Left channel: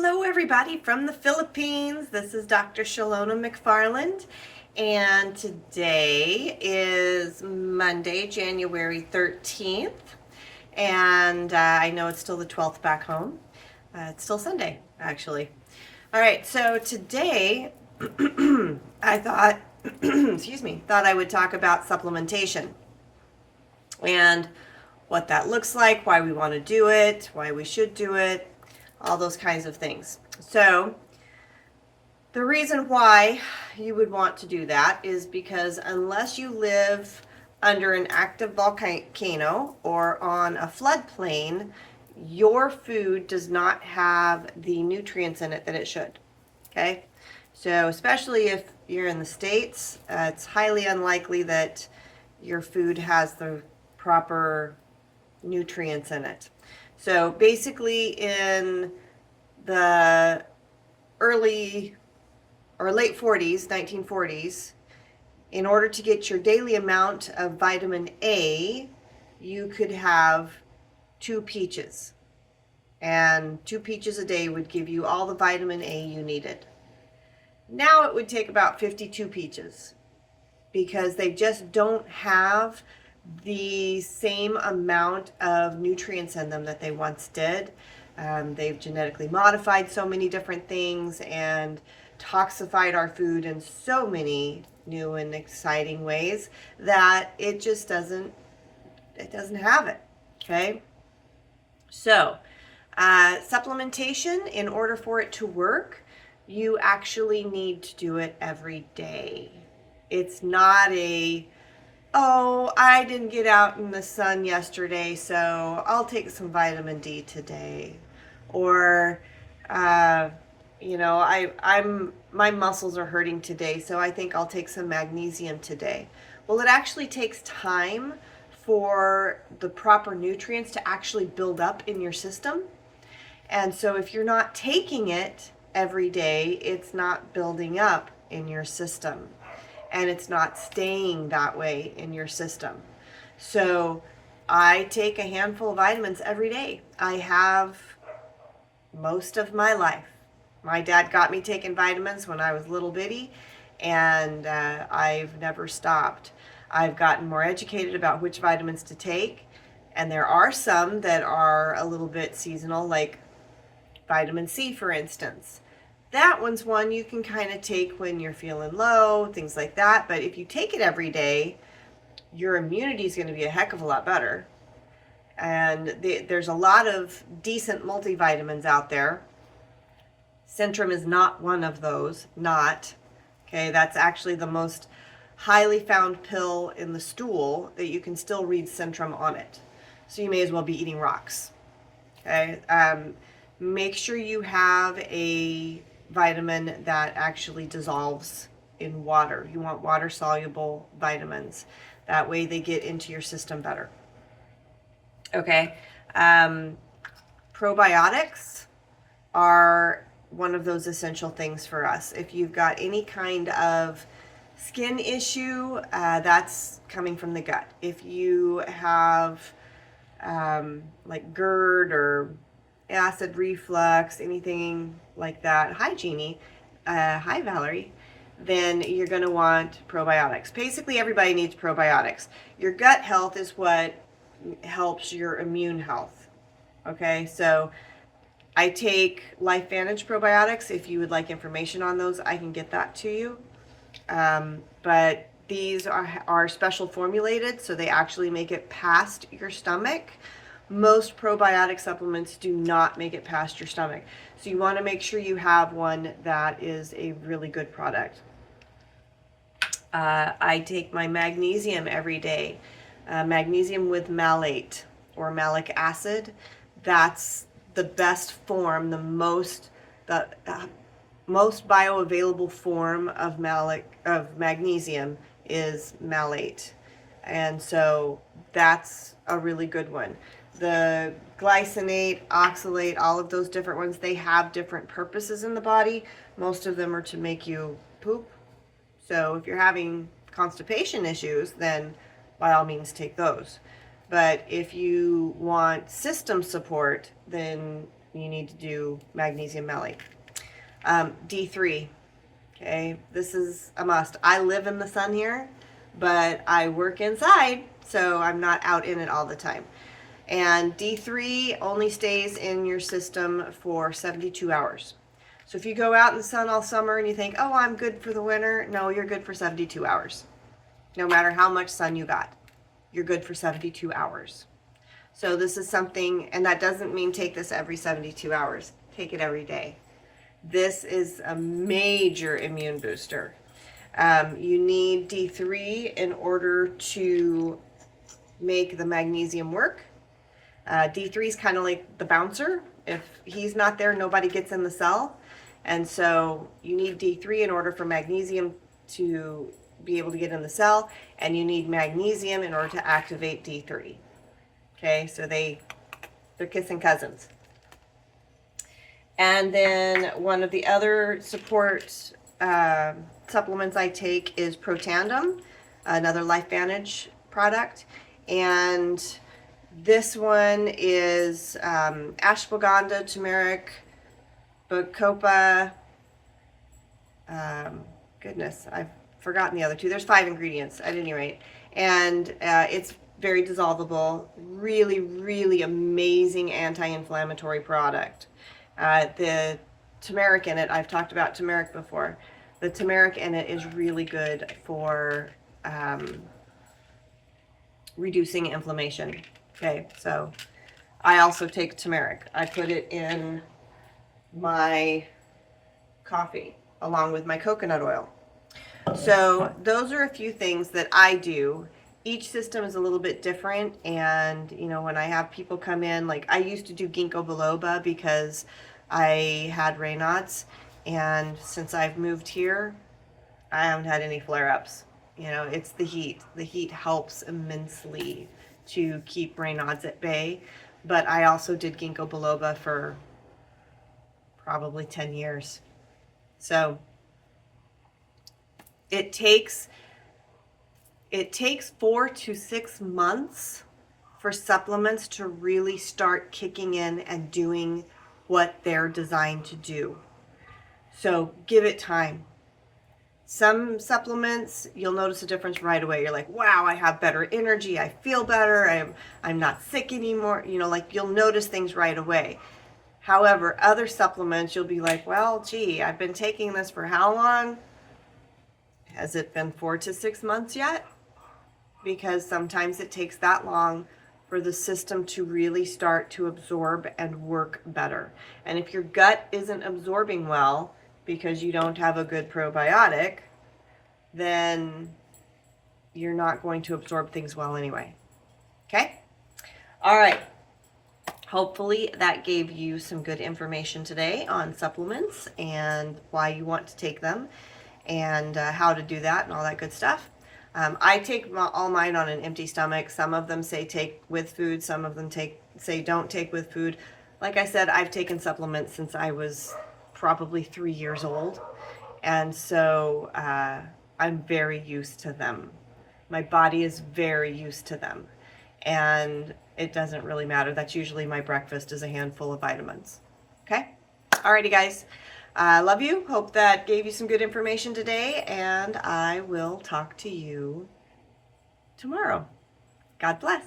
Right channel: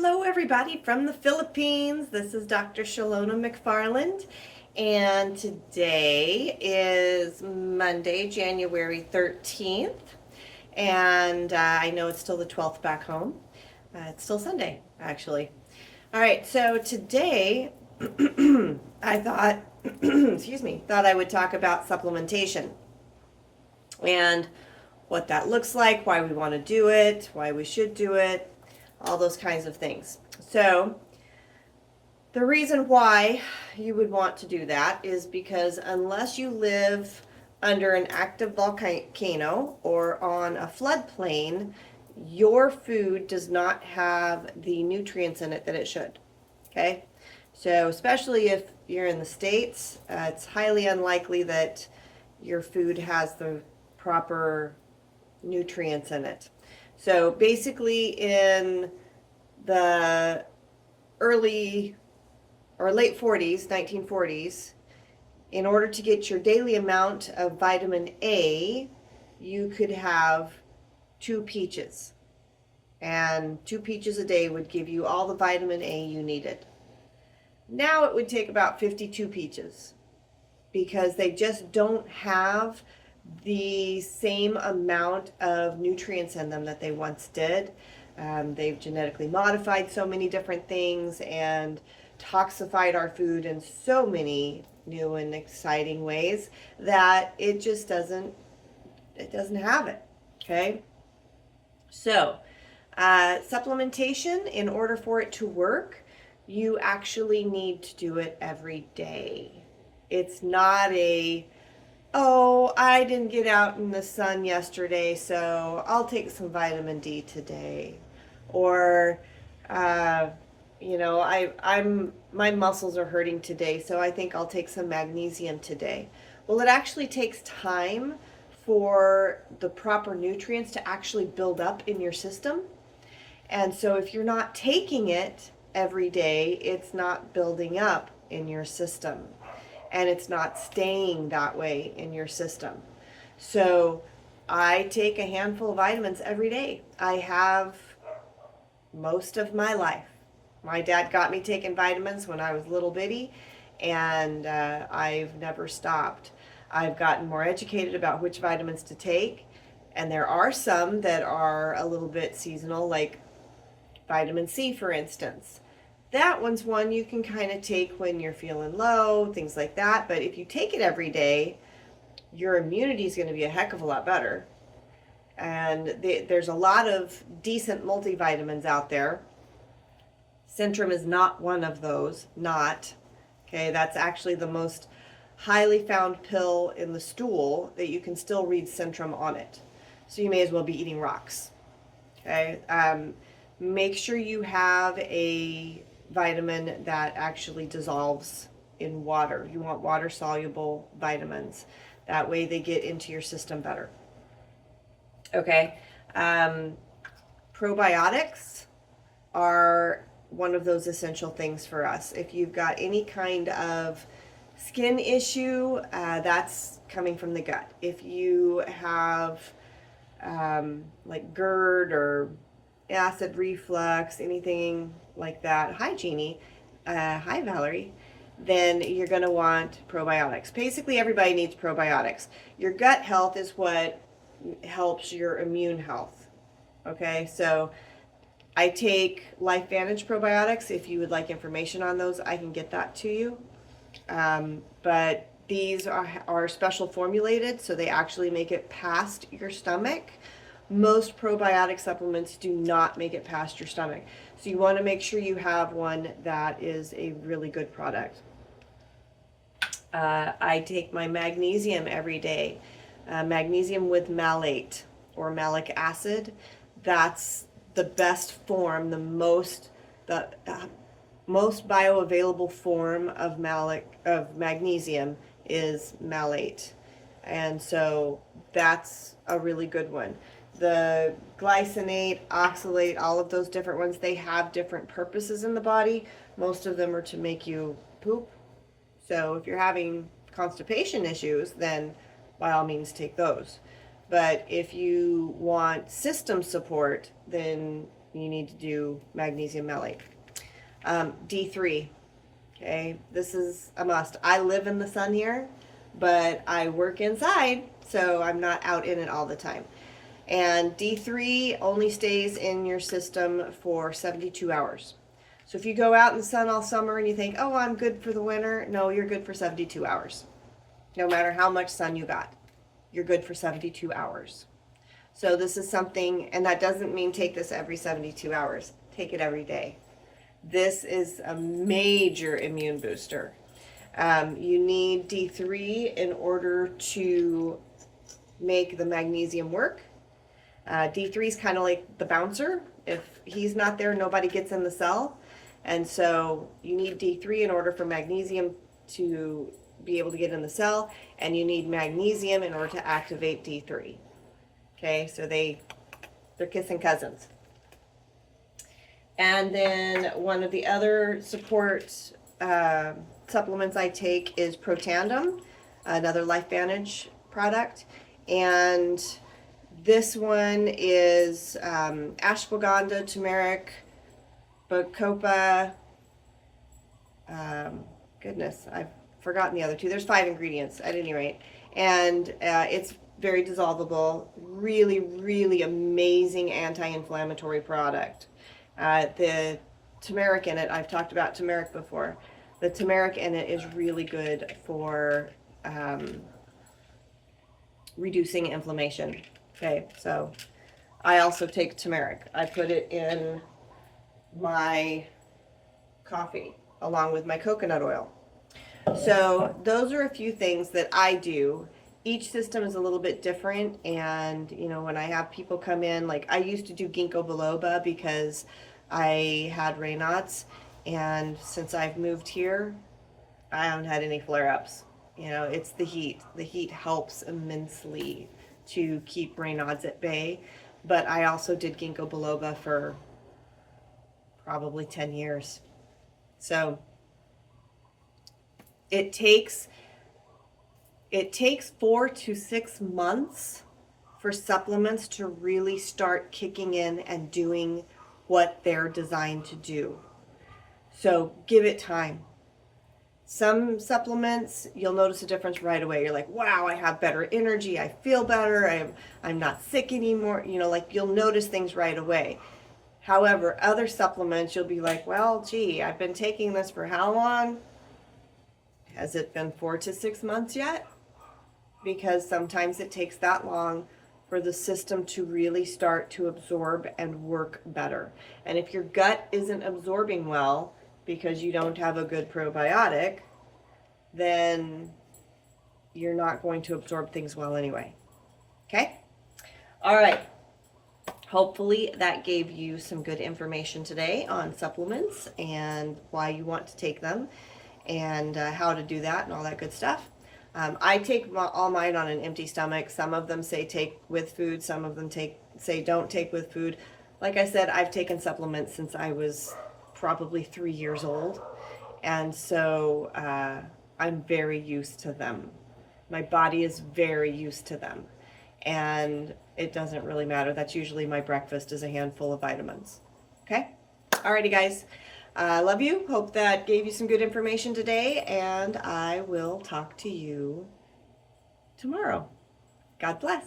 Hello, everybody from the Philippines. This is Dr. Shalona McFarland, and today is Monday, January 13th. And I know it's still the 12th back home. It's still Sunday, actually. All right, so today I thought, thought I would talk about supplementation and what that looks like, why we want to do it, why we should do it, all those kinds of things. So the reason why you would want to do that is because unless you live under an active volcano or on a floodplain, your food does not have the nutrients in it that it should. Okay? So especially if you're in the States, it's highly unlikely that your food has the proper nutrients in it. So basically in the early or late 40s, 1940s, in order to get your daily amount of vitamin A, you could have 2 peaches. And 2 peaches a day would give you all the vitamin A you needed. Now it would take about 52 peaches because they just don't have the same amount of nutrients in them that they once did. They've genetically modified so many different things and toxified our food in so many new and exciting ways that it just doesn't have it. Okay, so supplementation, in order for it to work, you actually need to do it every day. It's not oh, I didn't get out in the sun yesterday, so I'll take some vitamin D today. Or, my muscles are hurting today, so I think I'll take some magnesium today. Well, it actually takes time for the proper nutrients to actually build up in your system. And so if you're not taking it every day, it's not building up in your system. And it's not staying that way in your system. So I take a handful of vitamins every day. I have most of my life. My dad got me taking vitamins when I was little bitty, and I've never stopped. I've gotten more educated about which vitamins to take, and there are some that are a little bit seasonal, like vitamin C, for instance. That one's one you can kind of take when you're feeling low, things like that. But if you take it every day, your immunity is going to be a heck of a lot better. And there's a lot of decent multivitamins out there. Centrum is not one of those, not. Okay, that's actually the most highly found pill in the stool that you can still read Centrum on it. So you may as well be eating rocks. Okay, make sure you have a vitamin that actually dissolves in water. You want water soluble vitamins. That way they get into your system better. Okay. Probiotics are one of those essential things for us. If you've got any kind of skin issue, that's coming from the gut. If you have like GERD or acid reflux, anything like that. Hi, Jeannie. Hi, Valerie. Then you're going to want probiotics. Basically, everybody needs probiotics. Your gut health is what helps your immune health. Okay, so I take LifeVantage probiotics. If you would like information on those, I can get that to you. But these are special formulated, so they actually make it past your stomach. Most probiotic supplements do not make it past your stomach. So you want to make sure you have one that is a really good product. I take my magnesium every day. Magnesium with malate or malic acid. That's the best form, the most bioavailable form of magnesium is malate. And so that's a really good one. The glycinate, oxalate, all of those different ones, they have different purposes in the body. Most of them are to make you poop. So if you're having constipation issues, then by all means take those. But if you want system support, then you need to do magnesium malate. D3, okay, this is a must. I live in the sun here, but I work inside, so I'm not out in it all the time. And D3 only stays in your system for 72 hours. So if you go out in the sun all summer and you think, oh, I'm good for the winter, no, you're good for 72 hours. No matter how much sun you got, you're good for 72 hours. So this is something, and that doesn't mean take this every 72 hours. Take it every day. This is a major immune booster. You need D3 in order to make the magnesium work. D3 is kind of like the bouncer. If he's not there, nobody gets in the cell. And so you need D3 in order for magnesium to be able to get in the cell, and you need magnesium in order to activate D3. Okay, so they're kissing cousins. And then one of the other support supplements I take is Protandim, another LifeVantage product. And this one is ashwagandha, turmeric, bacopa. Goodness, I've forgotten the other two. There's 5 ingredients at any rate. And it's very dissolvable, really, really amazing anti-inflammatory product. The turmeric in it, I've talked about turmeric before. The turmeric in it is really good for reducing inflammation. Okay, so I also take turmeric. I put it in my coffee along with my coconut oil. So those are a few things that I do. Each system is a little bit different, and you know, when I have people come in, like I used to do ginkgo biloba because I had Raynaud's, and since I've moved here, I haven't had any flare-ups. You know, it's the heat. The heat helps immensely to keep Raynaud's at bay, but I also did ginkgo biloba for probably 10 years. So it takes 4 to 6 months for supplements to really start kicking in and doing what they're designed to do. So give it time. Some supplements, you'll notice a difference right away. You're like, wow, I have better energy. I feel better. I'm not sick anymore. You know, like you'll notice things right away. However, other supplements, you'll be like, well, gee, I've been taking this for how long? Has it been 4 to 6 months yet? Because sometimes it takes that long for the system to really start to absorb and work better. And if your gut isn't absorbing well because you don't have a good probiotic, then you're not going to absorb things well anyway. Okay? All right. Hopefully that gave you some good information today on supplements and why you want to take them and how to do that and all that good stuff. I take all mine on an empty stomach. Some of them say take with food. Some of them say don't take with food. Like I said, I've taken supplements since I was probably 3 years old. And so I'm very used to them. My body is very used to them. And it doesn't really matter. That's usually my breakfast is a handful of vitamins. Okay? Alrighty, guys. I love you. Hope that gave you some good information today, and I will talk to you tomorrow. God bless.